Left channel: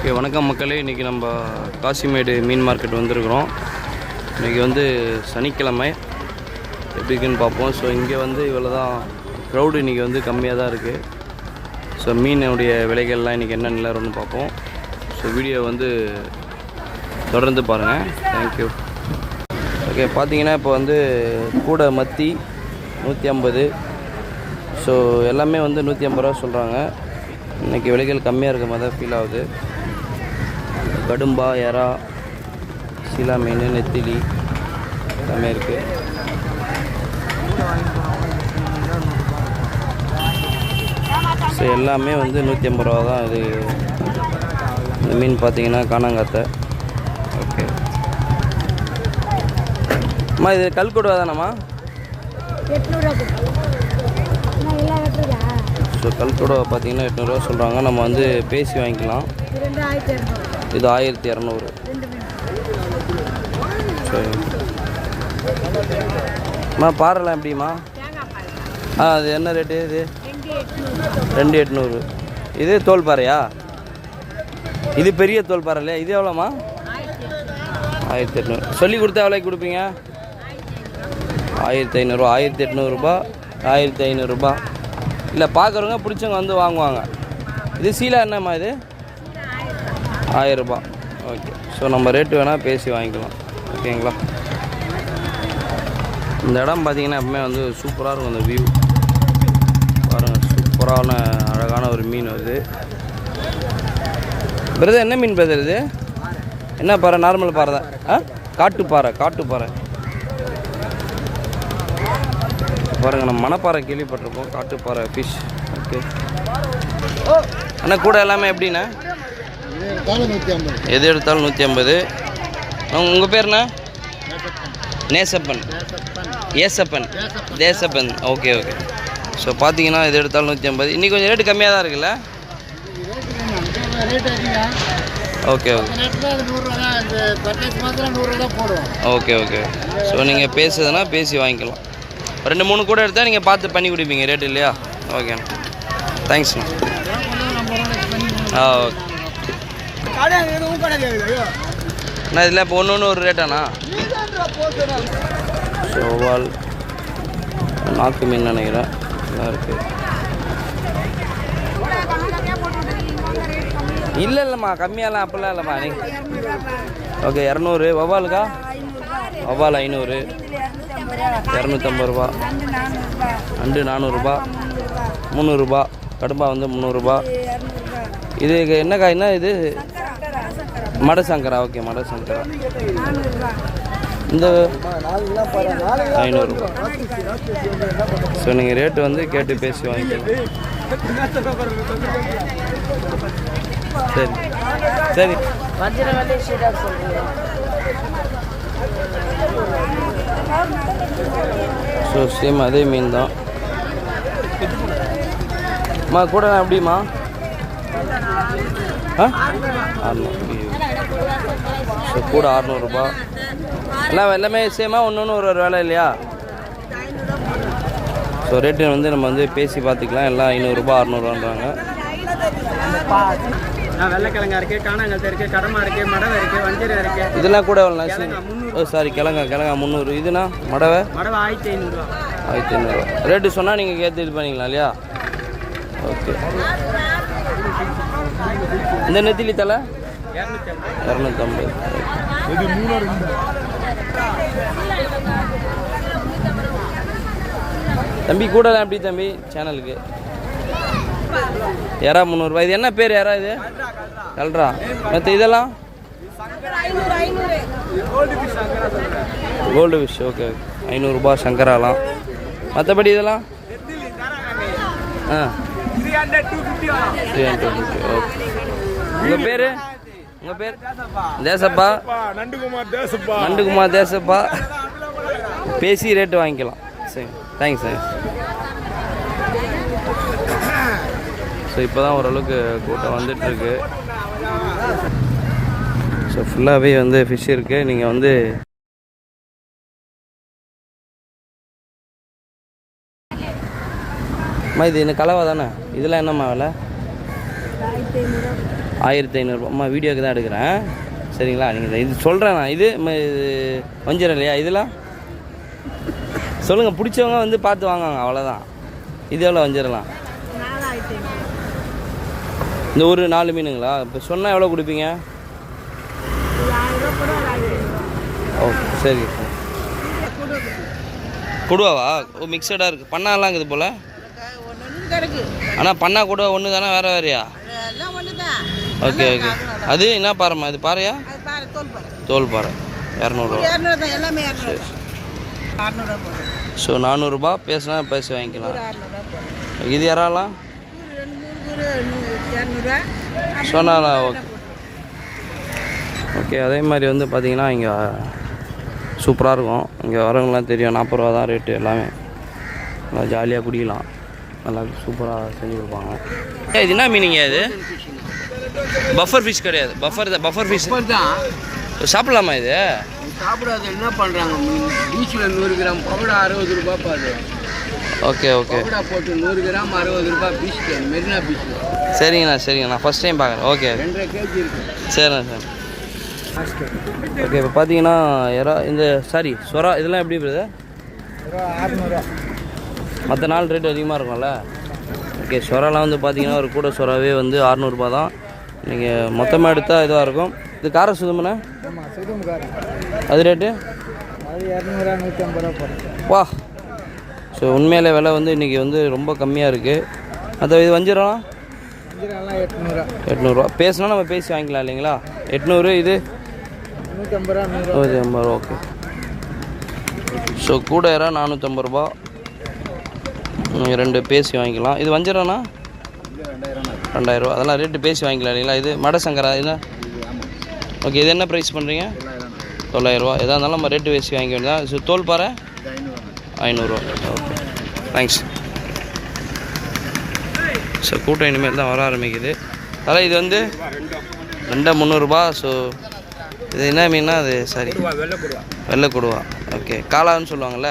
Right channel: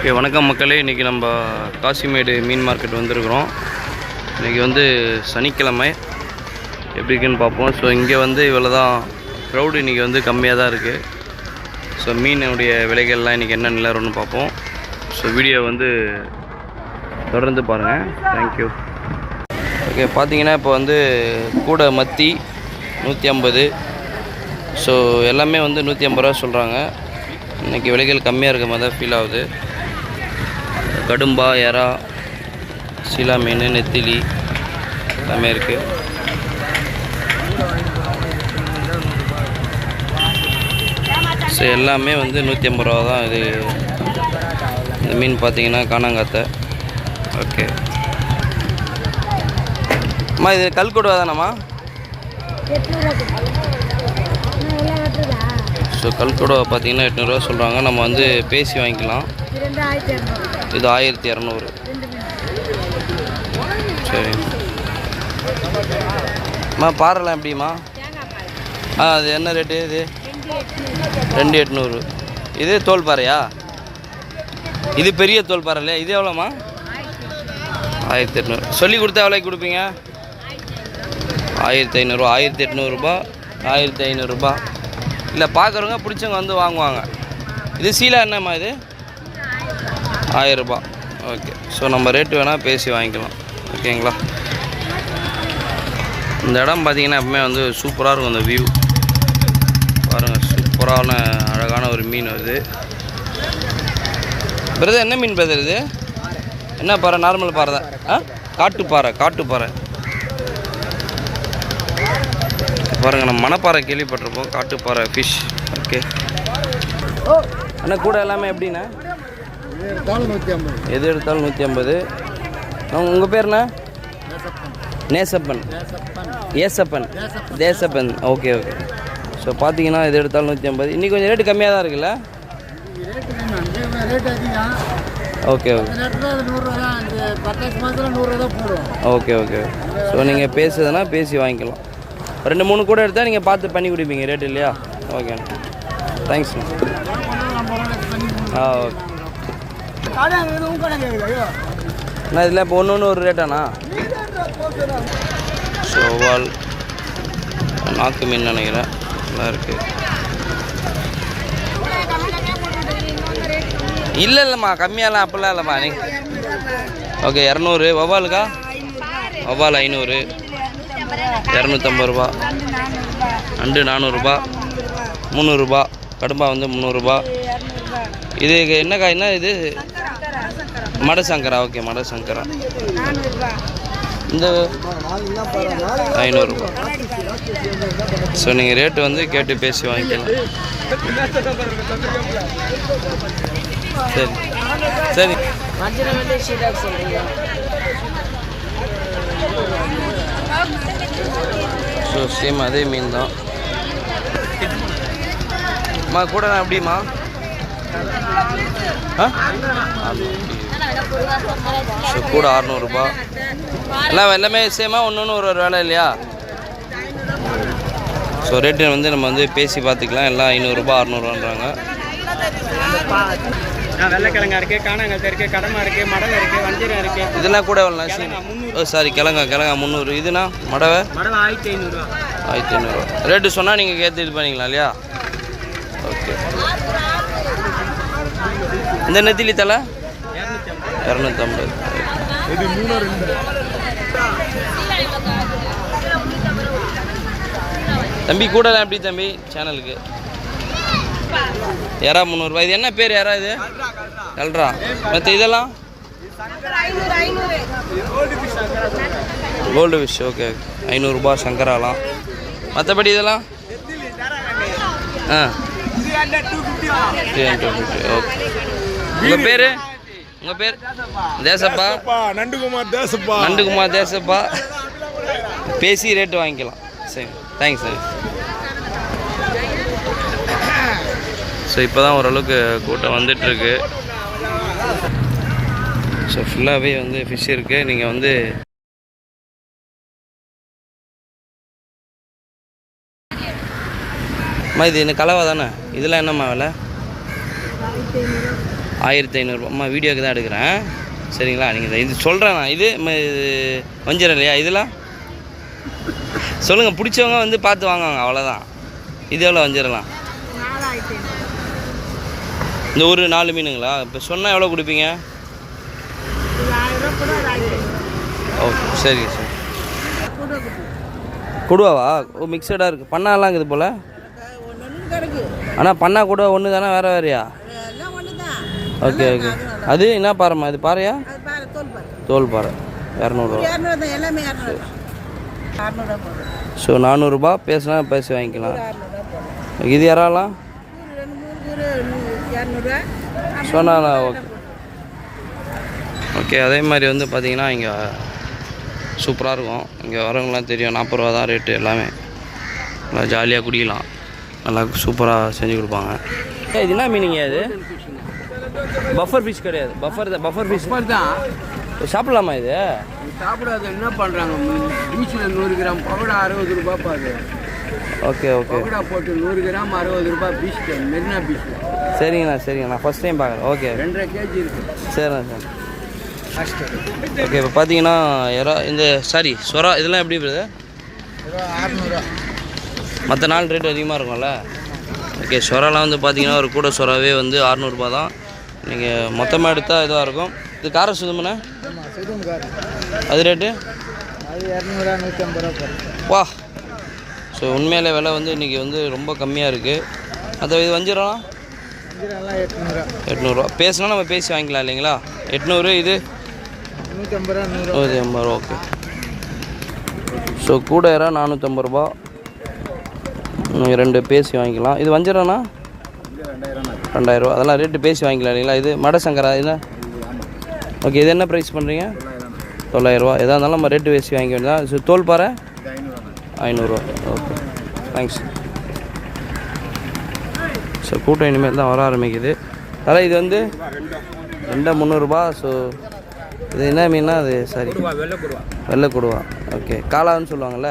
Okay, வணக்கம் மக்களே. இன்றைக்கி நம்ம காசிமேடு மீன் மார்க்கெட் வந்திருக்கிறோம். இன்றைக்கி வந்து சனிக்கிழமை. எப்படி இருக்குன்னு பார்ப்போம். ஸோ இங்கே வந்து இவ்வளோ தான் க்ரௌடு. இன்றைக்கி வந்து கம்மியாக தான் இருக்குது. ஸோ மீனுடைய விலைகள்லாம் இன்றைக்கி என்ன நிலவரம்னு பார்ப்போம். ஸோ வீடியோ வந்து தொடர்ந்து பாருங்கள். தேங்க்யூ. ஓகே, பார்த்தீங்கன்னா இப்போ வந்து கூட மத்தி 150. ஸோ எல்லாமே வந்து 150 ரூபா சொல்கிறாங்க. இன்றைக்கி விலைகள் கம்மியாக இருக்க மாதிரி தான் ஃபீல் ஆகுது. கடும்பா, எறா, சீலா மீன், நெத்திலி எல்லாமே இருக்குது. ஸோ எல்லாமே வந்து 150 ரூபா தான். இது இந்த மீன் பார்த்தீங்கன்னா காணாங்காத்தை. ஓகே அம்மா, இது கல்கொடுவா தானம்மா? ஸோ கல்கொடுவா பார்த்தீங்கன்னா 800 ரூபா சொல்கிறாங்க. நம்ம வந்து பேசி வாங்கிக்கலாம். இது 1200. சரி அம்மா, பாறைலாம் எப்படிம்மா? அது என்ன ரேட்டு? இது 2800. இது தோல் பாறையா? இது பெரிய தோல் பாறை இல்லையா? இது எவ்வளோம்மா? 1800. சொல்லி கொடுத்தா எவ்வளோக்கு கொடுப்பீங்க? 1500. 1800 ரூபா, 1500 ரூபா. இல்லை, பார்க்குறவங்க பிடிச்சவங்க வந்து வாங்குவாங்க. இது சீலா என்னம்மா? இது 1000 ரூபா. ஓகே, ஸோ நம்ம ரேட்டு வேணால் பேசி வாங்கிக்கலாம். ஓகேங்களா? இந்த இடம் பார்த்திங்கன்னா எப்பவுமே வந்து சூப்பராக இருக்கும். அந்த வியூ பாருங்கள், சூப்பரான அழகான ஒரு மீன் வருது. பிரதர், என்ன மீன் பிரதர் இது? என்ன பாறை? நார்மல் பாறை தான். காட்டுப்பாறை. காட்டுப்பாறை பாருங்கள். நம்ம மணப்பாறை கேள்விப்பட்டிருப்போம். காட்டுப்பாறை ஃபிஷ். ஓகே அண்ணா, கூட எல்லாமே எப்படிண்ணா? எது எடுத்தாலும் 150. உங்கள் பேர்ண்ணா? Nesappan. Esappan. Desappan. Okay okay. So பார்த்தீங்கன்னா இது எடுத்தாலும் 150. இன்றைக்கி கொஞ்சம் ரேட்டு கம்மியாக தான் இருக்குல்ல? Okay okay okay okay. So நீங்கள் பேசுறதுனா பேசி வாங்கிக்கலாம். 2-3 கூட எடுத்தால் நீங்கள் பார்த்து பண்ணி கொடுப்பீங்க ரேட்டு இல்லையா? ஓகே, தேங்க்ஸ்ண்ணா. ஓகே அண்ணா, இதில் இப்போ ஒன்று ஒரு ரேட்டாண்ணா? சோவால், நாக்கு மீன் நினைக்கிறேன். நல்லா இருக்குது. இல்லைம்மா, கம்மியாலாம் அப்படிலாம் இல்லைம்மா. ஓகே, 200. வவ்வாலுக்கா? வவ்வால் 500. 250 ரூபா. நண்டு 400 ரூபா. 300 ரூபா. கடும்பா வந்து 300 ரூபா. இது என்ன காய்னா? இது மடசங்கரா. ஓகே, மடசங்கரா. இந்த 500 ரூபா. ஸோ நீங்கள் ரேட்டு வந்து கேட்டு பேசி வாங்கிக்கலாம். சரி சரி. ஸோ சேம் அதே மீன் தான். அம்மா, கூட எப்படிம்மா? ஸோ கூட 600 ரூபா. எல்லாமே சேமா? ஒன்று ஒரு வேலை இல்லையா? ஸோ ரேட்டு வந்து நம்ம வந்து பேசி பார்த்துக்கலாம். எல்லாம் 500 ரூபா 600 ரூபான்றாங்க. வெள்ளைக்கிழங்கா இருக்குது, காணாங்கத்தை இருக்குது, கடமா இருக்குது, மடவை இருக்குது, வஞ்சரம் இருக்குது. இதெல்லாம் கூட எவ்வளோ? சாரி, கிழங்கா 300. இதுனா மடவை 1500 ரூபா. 1500 ரூபா. ரேட்டு சொன்னால் நீங்கள் கேட்டு இது பண்ணிக்கலாம் இல்லையா? ஓகே. இந்த நெத்திலி தலை 250. தம்பி, கூடலாம் எப்படி தம்பி? சேனலுக்கு எறா 300 ரூபா. இது என்ன பேர் எறா? இது கல்றா. மற்ற இதெல்லாம் கோல்டு ஃபிஷ். ஓகே, 500 ரூபா சங்கராலாம். மற்றபடி இதெல்லாம் 250. ஓகே. உங்கள் பேர்? உங்கள் பேர்? தேசப்பா. நண்டுகுமார் தேசப்பா. பேசி ரேட்டு வாங்கிக்கலாம். சரி, தேங்க்ஸ் சார். ஸோ இப்போ தான் ஓரளவுக்கு கூட்டம் வந்துட்டுருக்கு. ஸோ ஃபுல்லாகவே வந்து ஃபிஷ் இருக்குது. நீங்கள் வந்து இது என்ன கலவை தானே? இதெல்லாம் என்னம்மா விலை? 1500 அம்மா வீடியோக்கு தான் எடுக்கிறேன் சரிங்களா. நீங்கள் இது சொல்கிறேன் நான். இது வஞ்சிரம் இல்லையா? இதெல்லாம் சொல்லுங்கள், பிடிச்சவங்க வந்து பார்த்து வாங்குவாங்க, அவ்வளோதான். இது எவ்வளோ வஞ்சிரலாம்? இந்த ஒரு 4 மீனுங்களா? இப்போ சொன்னால் எவ்வளோ கொடுப்பீங்க? ஓ சரி சரி. கொடுவாவா? ஓ மிக்சடாக இருக்குது. பண்ணாலாம் இருக்குது போல். ஆனால் பண்ணா கூட ஒன்று தானே, வேறு வேறையா? Okay okay. அது என்ன பாறைம்மா? இது பாறையா? தோல் பாறை. 200 ஸோ 400 பேசினா பேசி வாங்கிக்கலாம். இது யாராலாம் சொன்னாலா? Okay okay. அதே மாதிரி வந்து பார்த்திங்கன்னா இங்கே சூப்பராக இருக்கும். இங்கே வரவங்களாம் தெரியும், 40 ரூபா தான் ரேட்டு. எல்லாமே நல்லா ஜாலியாக குடிக்கலாம், நல்லா சூப்பராக செஞ்சு கொடுப்பாங்க. இது என்ன மீனிங்க? இது பஃபர் ஃபிஷ் கிடையாது. பஃபர் ஃபிஷ் தான் சாப்பிட்லாமா? இது சாப்பிடாத என்ன பண்ணுறாங்க? பீச்சில் 100 கிராம் பவுடா 60 ரூபா பாரு. Okay okay. பவுடா போட்டு 100 கிராம் 60 ரூபா பீச், மெரினா பீச்சில். சரிங்கண்ணா சரிங்கண்ணா, ஃபஸ்ட் டைம் பார்க்குறேன். ஓகே 2.5 kg இருக்குது. சரிண்ணா சார். ஓகே. இப்போ பார்த்தீங்கன்னா இந்த சாரி சொரா இதெல்லாம் எப்படி இருக்குது? 600. மற்ற நாள் ரேட் அதிகமாக இருக்கும்ல. ஓகே. சொராலாம் வந்து பார்த்தீங்கன்னா ஒரு கூட சொராவே வந்து 600 ரூபா தான். நீங்கள் மொத்தமாக எடுத்தால் இதாக இருக்கும். இது கார சுதம்ண்ணா? அது ரேட்டு? அது 200 150 ரூபா போகிறேன். வா. ஸோ உண்மையிலே விலை வந்து இன்றைக்கி வந்து ரொம்ப கம்மியாக இருக்குது. அது இது வஞ்சிரம் 800 ரூபா. பேசினா நம்ம பேசி வாங்கிக்கலாம் இல்லைங்களா? 800. இது 150 ரூபா. 150 ரூபா. ஓகே. ஸோ கூட 450 ரூபா. நீங்கள் 2 பேசி வாங்கிக்கலாம். இது வஞ்சிரம்னா 2000 ரூபா. அதெல்லாம் ரேட்டு பேசி வாங்கிக்கலாம் இல்லைங்களா? இது மட சங்கரா இது? ஓகே. இது என்ன ப்ரைஸ் பண்ணுறீங்க? 900 ரூபா. எதாக இருந்தாலும் நம்ம ரேட்டு பேசி வாங்கி வேண்டியதான். ஸோ தோல் பாறை 500 ரூபா. Okay thanks. ஸோ கூட்டம் இனிமேல் தான் வர ஆரம்பிக்குது. அதனால் இது வந்து 300 ரூபா. ஸோ இது என்ன மீன்னா? அது சாரி வெள்ளை கொடுவா. ஓகே. காளான்னு சொல்லுவாங்கள்ல.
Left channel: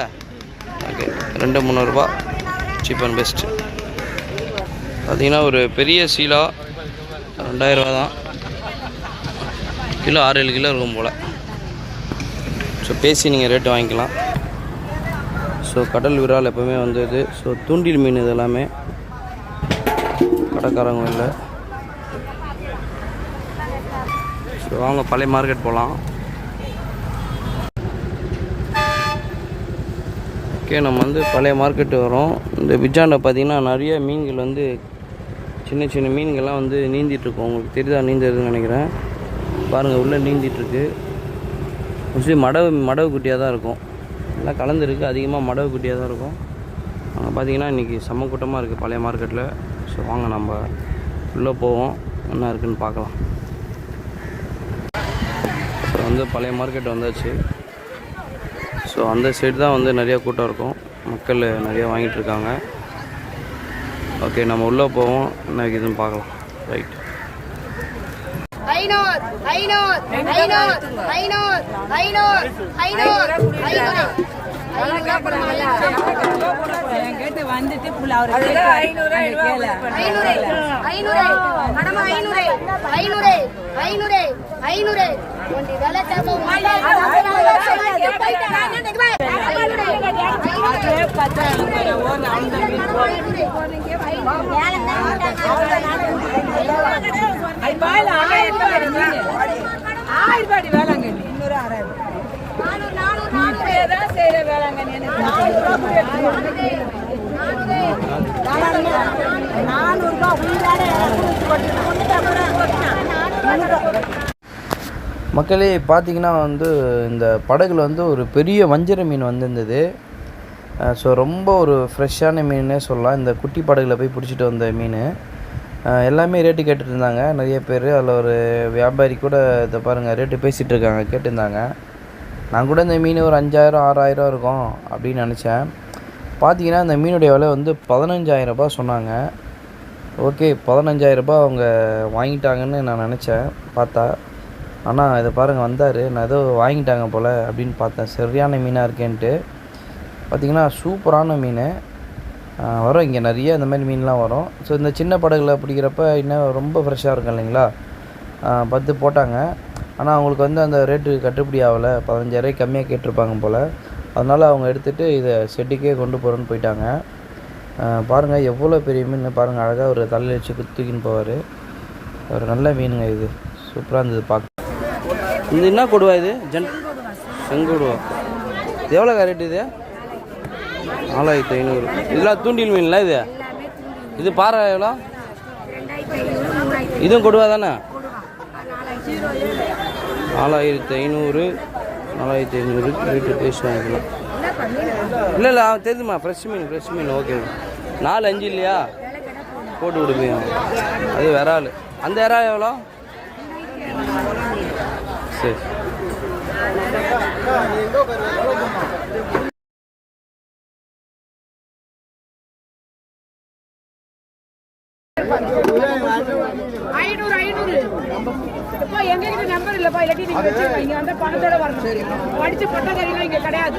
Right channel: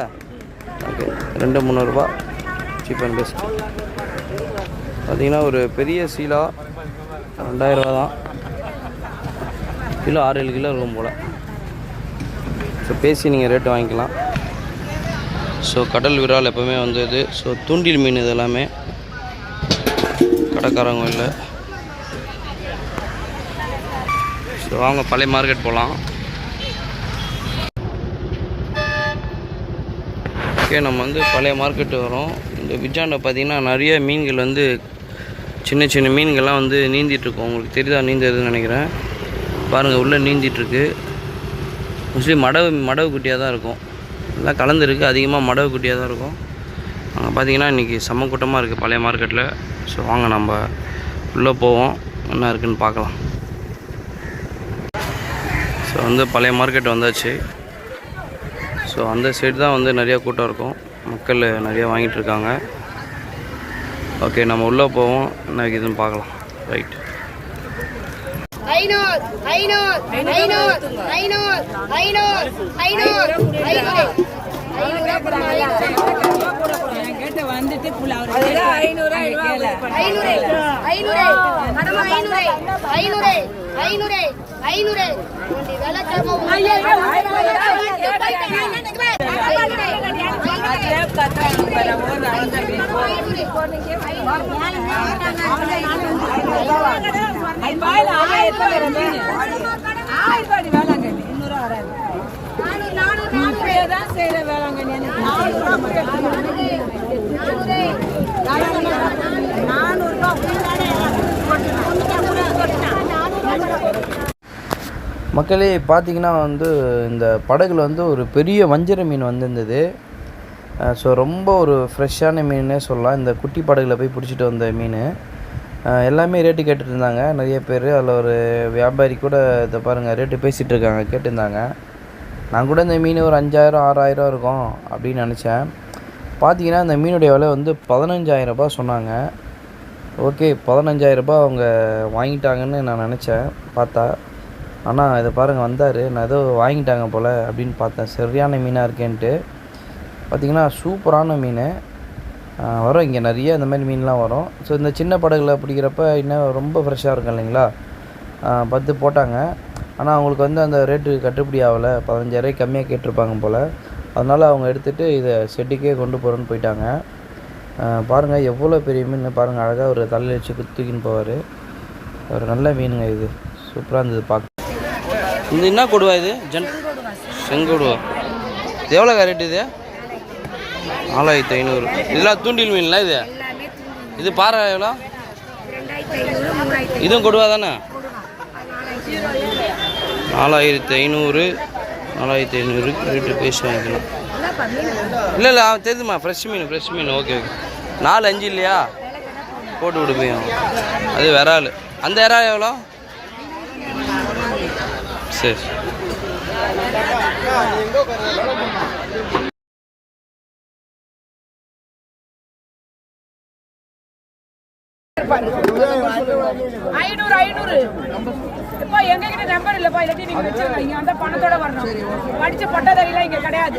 ஓகே. 300 ரூபா. Cheap and best. பார்த்திங்கன்னா ஒரு பெரிய சீலா 2000 ரூபா தான். கிலோ 6-7 கிலோ இருக்கும் போல். ஸோ பேசி நீங்கள் ரேட்டு வாங்கிக்கலாம். ஸோ கடல் விரால் எப்போவுமே வந்தது. ஸோ தூண்டில் மீன் இது எல்லாமே கடைக்காரங்க இல்லை. ஸோ வாங்க பழைய மார்க்கெட் போகலாம். ஓகே. நம்ம வந்து பழைய மார்க்கெட்டு வரோம். இந்த பிஜாண்டை பார்த்திங்கன்னா நிறைய மீன்கள் வந்து சின்ன சின்ன மீன்கள்லாம் வந்து நீந்திட்டுருக்கோம். உங்களுக்கு தெரியுதா நீந்துறதுன்னு நினைக்கிறேன். பாருங்கள் உள்ளே நீந்திட்டுருக்கு. மோஸ்ட்லி மடவு குட்டியாக தான் இருக்கும். எல்லாம் கலந்துருக்கு. அதிகமாக மடவு குட்டியாக தான் இருக்கும். அங்கே பார்த்தீங்கன்னா இன்றைக்கி செம்ம கூட்டமாக இருக்குது பழைய மார்க்கெட்டில். ஸோ வாங்க நம்ம உள்ளே போவோம், என்ன இருக்குதுன்னு பார்க்கலாம். ஸோ வந்து பழைய மார்க்கெட் வந்தாச்சு. ஸோ அந்த சைடு தான் வந்து நிறையா கூட்டம் இருக்கும். மக்கள் நிறையா வாங்கிட்டுருக்காங்க. ஓகே நம்ம உள்ளே போவோம், என்ன இருக்குதுன்னு பார்க்கலாம். ரைட். மக்களே பார்த்தீங்கன்னா வந்து இந்த படகுல வந்து ஒரு பெரிய வஞ்சர மீன் வந்திருந்தது. ஸோ ரொம்ப ஒரு ஃப்ரெஷ்ஷான மீனே சொல்லலாம். இந்த குட்டி படகுல போய் பிடிச்சிட்டு வந்த மீன். எல்லாமே ரேட்டு கேட்டுட்டு இருந்தாங்க நிறைய பேர். அதில் ஒரு வியாபாரி கூட இதை பாருங்கள் ரேட்டு பேசிகிட்டு இருக்காங்க, கேட்டிருந்தாங்க. நான் கூட இந்த மீன் ஒரு 5000 6000 இருக்கும் அப்படின்னு நினச்சேன். பார்த்தீங்கன்னா இந்த மீனுடைய விலை வந்து 15000 ரூபாய் சொன்னாங்க. ஓகே 15000 ரூபாய் அவங்க வாங்கிட்டாங்கன்னு நான் நினச்சேன் பார்த்தா. ஆனால் இதை பாருங்கள் வந்தார், நான் ஏதோ வாங்கிட்டாங்க போல் அப்படின்னு பார்த்தேன். சரியான மீனாக இருக்கேன்ட்டு. பார்த்திங்கன்னா சூப்பரான மீன் வரும் இங்கே நிறைய இந்த மாதிரி மீன்லாம் வரும். ஸோ இந்த சின்ன படகுல பிடிக்கிறப்ப இன்னும் ரொம்ப ஃப்ரெஷ்ஷாக இருக்கும் இல்லைங்களா. 10 போட்டாங்க. ஆனால் அவங்களுக்கு வந்து அந்த ரேட்டு கட்டுப்படி ஆகலை, 15,000 கம்மியாக கேட்டிருப்பாங்க போல். அதனால் அவங்க எடுத்துகிட்டு இதை ஷெட்டுக்கே கொண்டு போகிறோன்னு போயிட்டாங்க. பாருங்கள் எவ்வளோ பெரிய மீன் பாருங்கள், அழகாக ஒரு தலையில் வச்சு தூக்கின்னு போவார். ஒரு நல்ல மீனுங்க, இது சூப்பராக இருந்தது பார்க்க. இது என்ன கொடுவா இது? செங்கொடுவா. இது எவ்வளோ ரேட்டு இது? 4500. இதெல்லாம் தூண்டில் மீன்லாம் இது. இது பாறை எவ்வளோ? இதுவும் கொடுவா தானே? 4500 ரேட்டு பேசி வாங்கிக்கலாம். இல்லை தெரியுதுமா, ஃப்ரெஷ் மீன். ஓகே. 4-5 இல்லையா? போட்டு விடுப்போம். அது விரால். அந்த இறால் எவ்வளோ? சரி. எங்ககிட்ட நம்பர் இல்லப்பா, இல்லாட்டி நீங்க வச்சிருக்கீங்க அந்த பணத்தோட வரணும். அடிச்ச பட்டதாரிலாம் இங்க கிடையாது.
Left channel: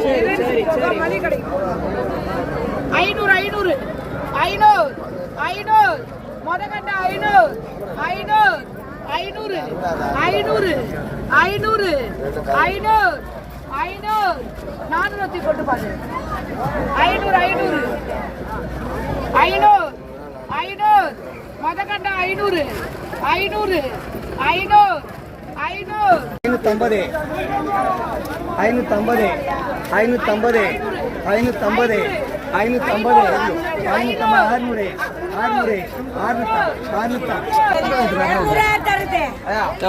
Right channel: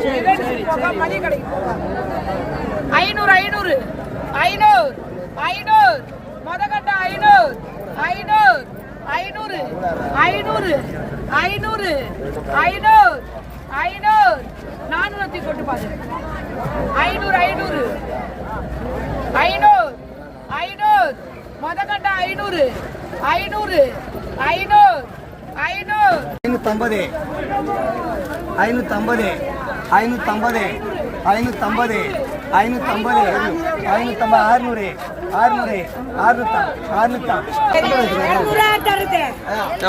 500 மொதகண்ட 500 400 கொண்டு பாரு. 500 மொதகண்ட 500 550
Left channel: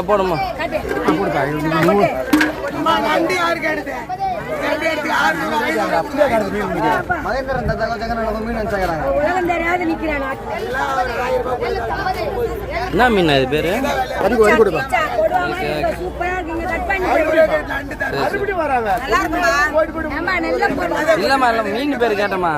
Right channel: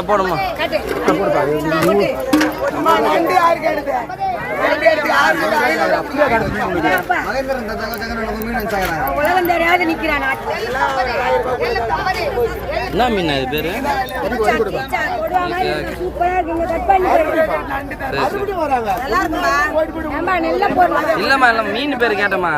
போடுமா. என்ன மீன் அது பேரு? இல்லம்மா இல்லை மீன் பேர் கேட்டம்மா.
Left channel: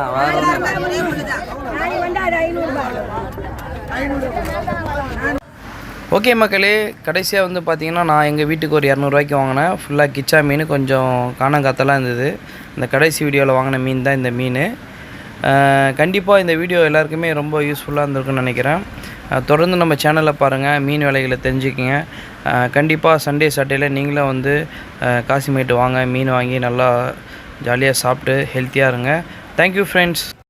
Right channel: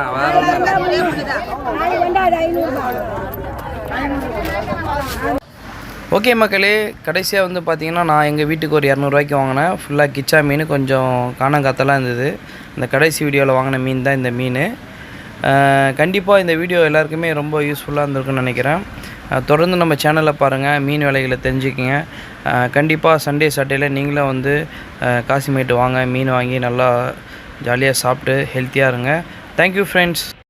ஓகே மக்களே, கடைசியாக வந்து பார்த்திங்கன்னா நான் எங்கள் வீட்டுக்கு ஒரு 200 வாங்கினேன். ஃபுல்லாக கிச்சா மீன், கொஞ்சம் காணங்காத்தெல்லாம் இருந்தது. இந்த கடைசி வீடியோவில் வாங்கின மீன் தான் இந்த மீன். கண்டிப்பாக இந்த வீடியோ எல்லாருக்குமே ரொம்ப யூஸ்ஃபுல்லாக இருந்திருக்குன்னு நினைக்கிறேன். தொடர்ந்து நம்ம சேனலில் பாருங்கள், மீன் விலைகளை தெரிஞ்சுக்கிங்க. கண்டிப்பாக சண்டே சாட்டர்டேயில் நீங்களும் வந்து காசிமேட்டு வாங்க, மீன் வாங்கி நல்லா ஜாலியாக சாப்பிட்டு ஹெல்த்தியாக இருங்க. Thank you friends.